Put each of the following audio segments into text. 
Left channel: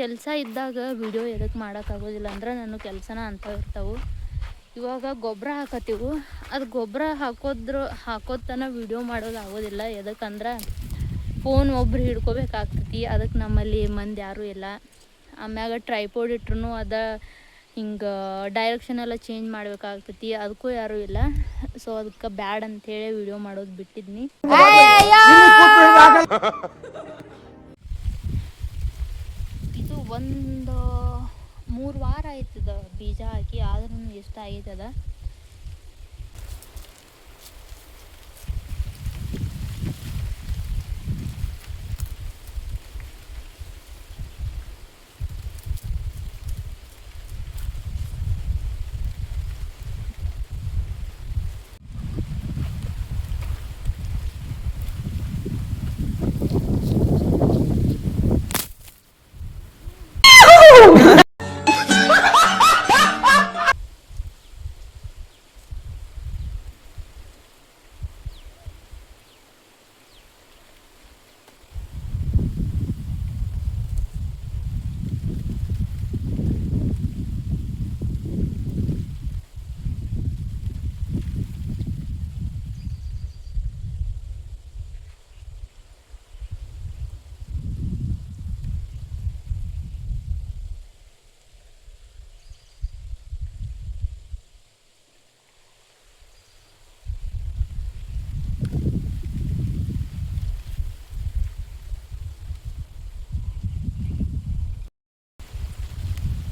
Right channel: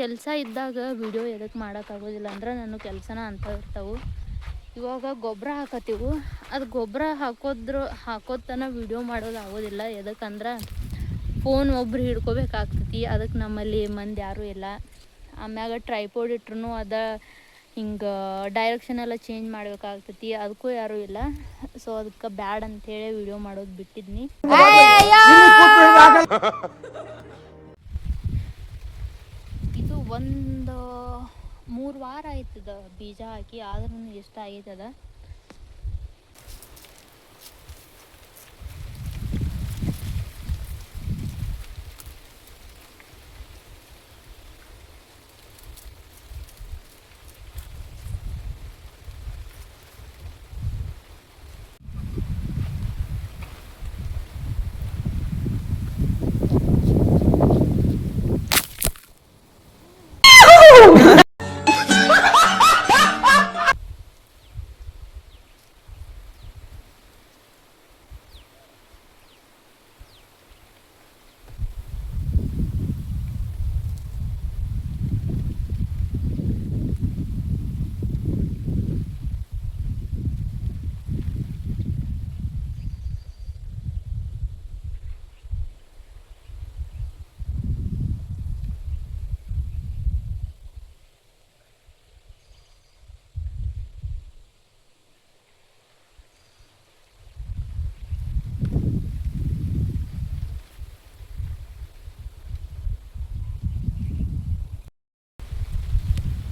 ಕೆಲಸ ಇದ್ದಾಗ ವಿಡಿಯೋ ಎದಕ್ಕೆ ಮಾಡೋಕ್ಕಾಗೋದಿಲ್ಲ ಅಂದ್ರೆ ನನ್ನ ಕೆಲಸನ ಅಂತ ಇರ್ತಾವೆ. ಇವಾಗ ಗೊಬ್ಬರ ಹಾಕತ್ತೀವಿ, ಅದು ಗೊಬ್ಬರ ಹಾಕೋತನ ವಿಡಿಯೋ ಮಾಡೋದು ಆಗೋದಿಲ್ಲ. ಎದಕ್ಕಂದ್ರೆ ಫೋನ್ ಒಬ್ರು ಹಿಡ್ಕೋಬೇಕಾಗ್ತೈತಿ, ಅದಕ್ಕೆ ನಮ್ಮಲ್ಲಿ ಮಂದಿ ಯಾರೂ ಇಲ್ಲ. ಆಮ್ಯಾಗ ಟ್ರೈಪೋಡ್ ಇಟ್ರು ಹಿಂಗೆ ಡೈರೆಕ್ಷನ್ ಎಲ್ಲ ಚೇಂಜ್ ಮಾಡಬೇಕಾಗ್ತೈತಿ, ಅದಕ್ಕೂ ಯಾರೂ ಇಲ್ಲ. ಸೊ ಅದಕ್ಕೆ ಬ್ಯಾಡ್ ಅಂಥೇಳಿ ವಿಡಿಯೋ ಮಾಡೋದು ಬಿಟ್ಟಿದ್ನಿ. ಇದು ಒಂದು 3 ವಾರ ಆಯ್ತದ ಬೀಜ ಹಾಕಿ, ಆದ್ರೂ ಎಷ್ಟು ಆಗೈತದ.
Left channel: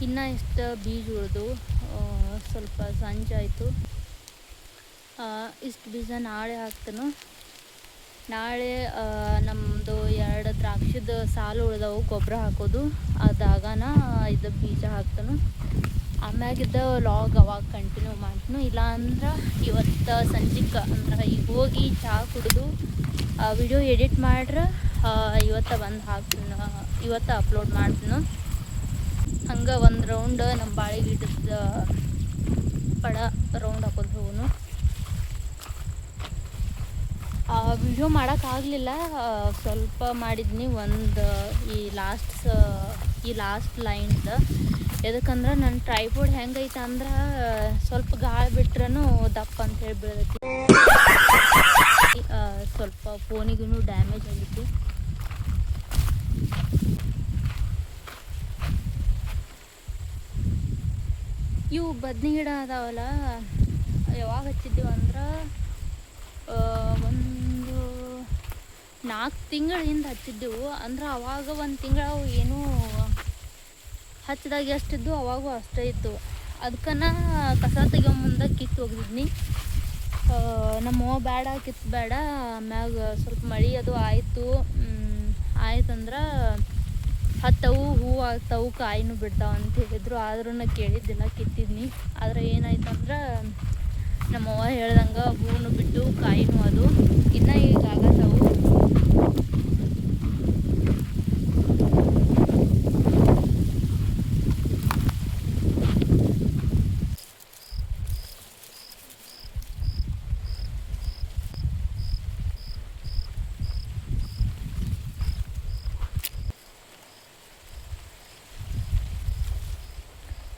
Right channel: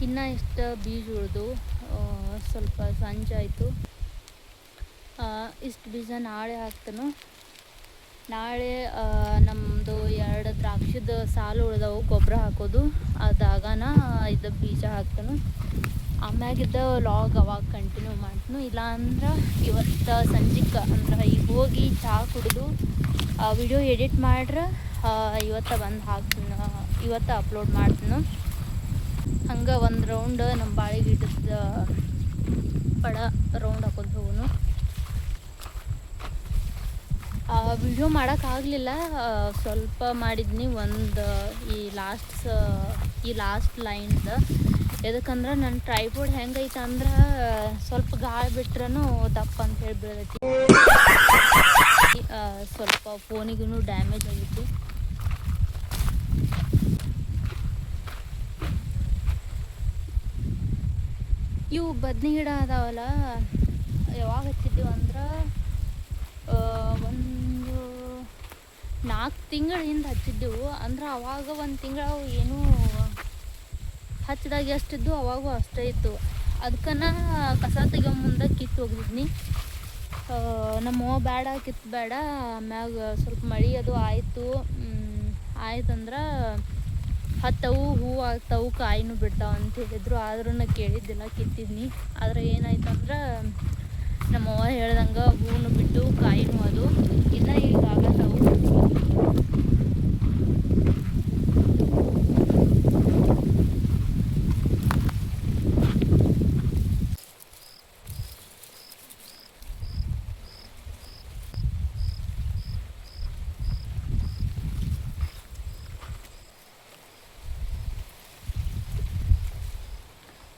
ಇನ್ನು ಇಷ್ಟು ಬೀಜ ಉಳಿದು ಸ್ವಲ್ಪ ಸಂಜಾಯಿತು. ಇಷ್ಟು ಬೀಜ ನಾಳೆ ಹಾಕ್ತೇನೆ. ನಾಳೆ ನಮ್ಮದು 2 ದ್ರಾಕ್ಷಿದ ಸಾಲು ಉಳಿದವು ಗೊಬ್ಬರ ಹಾಕೋದು, ಅದಾಗನ ಇದು ಬೀಜ ಹಾಕ್ತೇನೆ. ಆಮ್ಯಾಗಿದ್ದ ಲಾಗ್ ಅವಾಗ ಕಂಟಿನ್ಯೂ ಮಾಡ್ತೀನಿ. ಇಲ್ಲ ಅಂದ್ರೆ ಇವತ್ತು ಸಂಜೆಗೆ ಅಂದ್ರೆ ಈಗ ಹೋಗಿ ಚಹಾ ಕುಡಿದು ವಿಡಿಯೋ ಎಡಿಟ್ ಮಾಡ್ರೆ ಇವತ್ತು ಬಂದು ಹಾಕ್ತೀನಿ, ಇವತ್ತು ಅಪ್ಲೋಡ್ ಮಾಡ್ತೀನಿ. ಹಂಗೆ ಒಂದು ರೌಂಡ್ ನಮ್ಮ ಬಾಳೆ ಗಿಡದ ಪಡ ರೌಂಡ್ ಹಾಕೊಂಡು ಹೋಗೋನು. ವಿಡಿಯೋ ಮಾಡೋಕ್ಕಾಗಲಿಲ್ಲ, ಸ್ವಲ್ಪ ಮಾಡಿದ್ನಿ. ಒಂದು ಈ ಲಾಸ್ಟ್ ಲೈನ್ದ ಎದಕ್ಕಂದ್ರೆ ನನ್ನ ಟ್ರೈಪೋಡ್ ಹೆಂಗೈತೆ ಅಂದ್ರೆ ಸ್ವಲ್ಪ ಗಾಳಿ ಬಿಟ್ರೂ ದಪ್ಪ ಅಂತೇಳಿ ಬೀಳತೈತಿ. ಸ್ವಲ್ಪ ಫೋನಿಗೂ ಡ್ಯಾಮೇಜ್ ಆಗಿತ್ತು. ಇವು ಬದ್ನಿ ಗಿಡ ಅದಾವಲ್ಲ, ಯಾವಾಗ ಹಚ್ಚಿದ್ದೀವಿ ಅಂದ್ರೆ ಒಂದು 4 ತಿಂಗಳ ಹಿಂದೆ ಹಚ್ಚಿದ್ದೆವು. ಅಂದ್ರೆ ಅವಾಗ 1 ತಿಂಗಳು ಏನೂ ಹಚ್ಚಿದಾಗ ಎಷ್ಟಿದ್ದು ಅವಾಗೂ ಅಷ್ಟೇ ಇತ್ತು. ಅದಕ್ಕನ ಕಸ ತೆಗಿಯೋ ಮುಂದೆ ಕಿತ್ತು ಹೋಗಿದ್ನಿ. ನಮ್ಮವ್ವ ಬೇಡ ಕಿತ್ತು ಬೇಡ, ಆಮ್ಯಾಗ ಸ್ವಲ್ಪ ಮಳೆ ಅದು ಆಯ್ತಂದ್ರೆ ಹತ್ತವು ಹೂವು ಆಗ್ತಾವು ಕಾಯಿನೂ ಬಿಡ್ತಾವ ಅಂತ ಹೇಳಿದ್ರು. ಆದ್ರೂ ನಾ ಕೇಳಿದ್ದಿಲ್ಲ, ಕಿತ್ತಿದ್ನಿ. ಆದರೆ ಏನಾಯ್ತಂದ್ರೆ ನಮ್ಮವ್ವ ಹೇಳ್ದಂಗೆ ಹೂವು ಬಿಟ್ಟು ಕಾಯಿನೂ ಅದು ಇನ್ನು ಈಗ ಆಗತ್ತವು.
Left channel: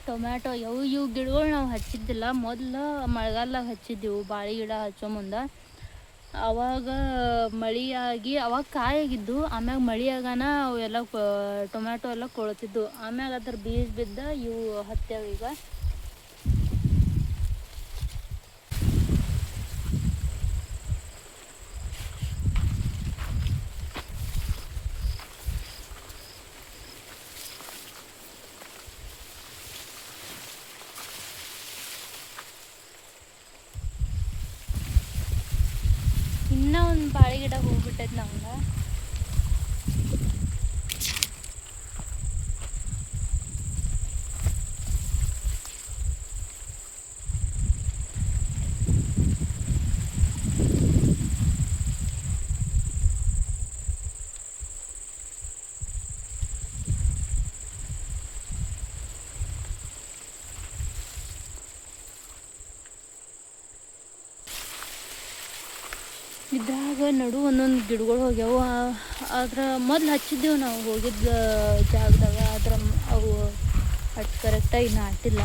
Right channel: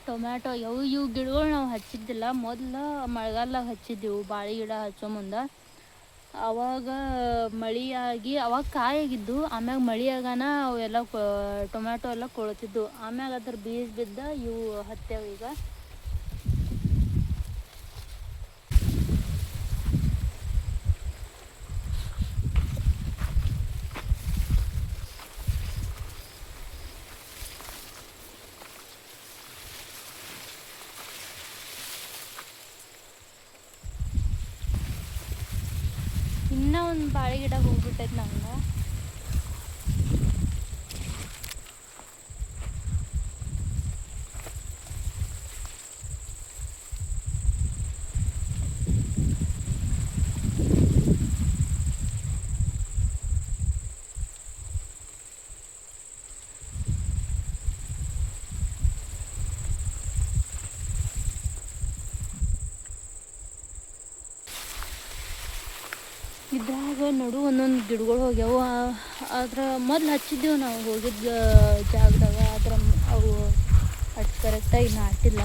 ಟೊಮ್ಯಾಟೊ ಇವು ಗಿಡಗಳು ನಾವು ಹಚ್ಚಿದ್ದಿಲ್ಲ. ಮೊದಲು ಮಳೆಗಾಲದಾಗ ಹಚ್ಚಿದ್ದೆವು ಬಾಳೆ ಗಿಡ ಹಚ್ಚೋ ಮುಂದೆ. ಅವಾಗ ಮಳೆಯಾಗಿ ಅವಾಗ ಕಾಯಾಗಿದ್ದು, ಆಮ್ಯಾಗ ಮಳೆಯಾಗನ ಅವೆಲ್ಲ ಟೊಮ್ಯಾಟೊ ಎಲ್ಲ ಕೊಳ್ತಿದ್ದು. ಆಮ್ಯಾಗ ಅದ್ರ ಬೀಜ ಬಿದ್ದ ಇವು ಹತ್ಯಾವ. ಈಗ ಇನ್ನೂ ಒಂದು ಬಾಳೆ ಗಿಡ ಹೋಗ್ಬಿಟ್ಟೈತೆ ನಮ್ಗೆ. ಇದ್ರಾಗ ನಡು ಒಂದೊಂದು ಗಿಡಗಳು ಹೋಗ್ಯಾವ. ಆದ್ರೆ ಮೊದ್ಲು ಹಚ್ಚಿದ್ದೆವು ನಾವು ಹೋಗಿದ್ದ ಜಾಗದಾಗ. ಆದ್ರೆ ಅವು ಅಷ್ಟು ಕರೆಕ್ಟಾಗಿ ನಾಟಿಲ್ಲ.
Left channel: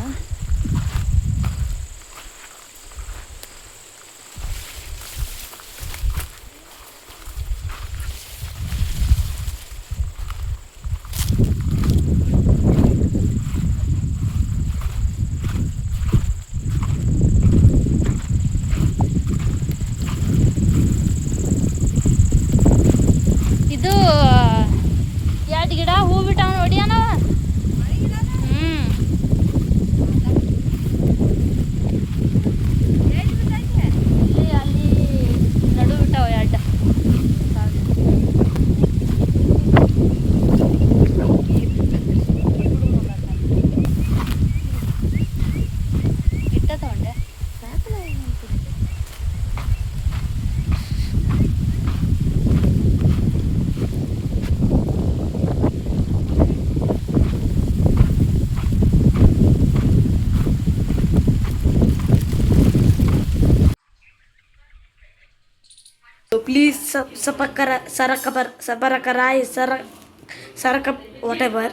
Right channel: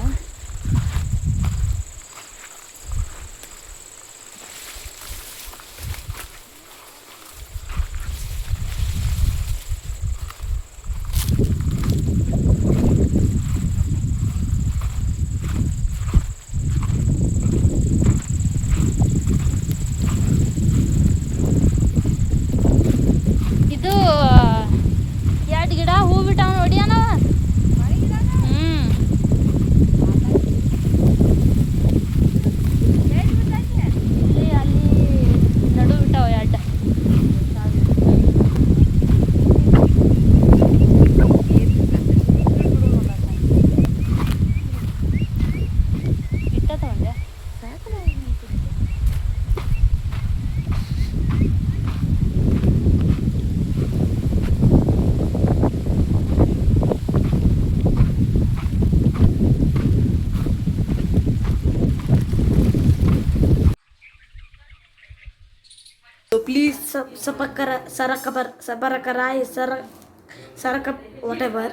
ಇದು 2 ಗಿಡ ಹೂ ಬಿಟ್ಟಾವ ನೋಡಿ ಅಣ್ಣವ. ಇಲ್ಲಿ ಅಲ್ಲಿ ನಡು ಬಿಟ್ಟಾವ 2. ಇಟ್ಟ ತಗೊಂಡೆ. Please subscribe whatever.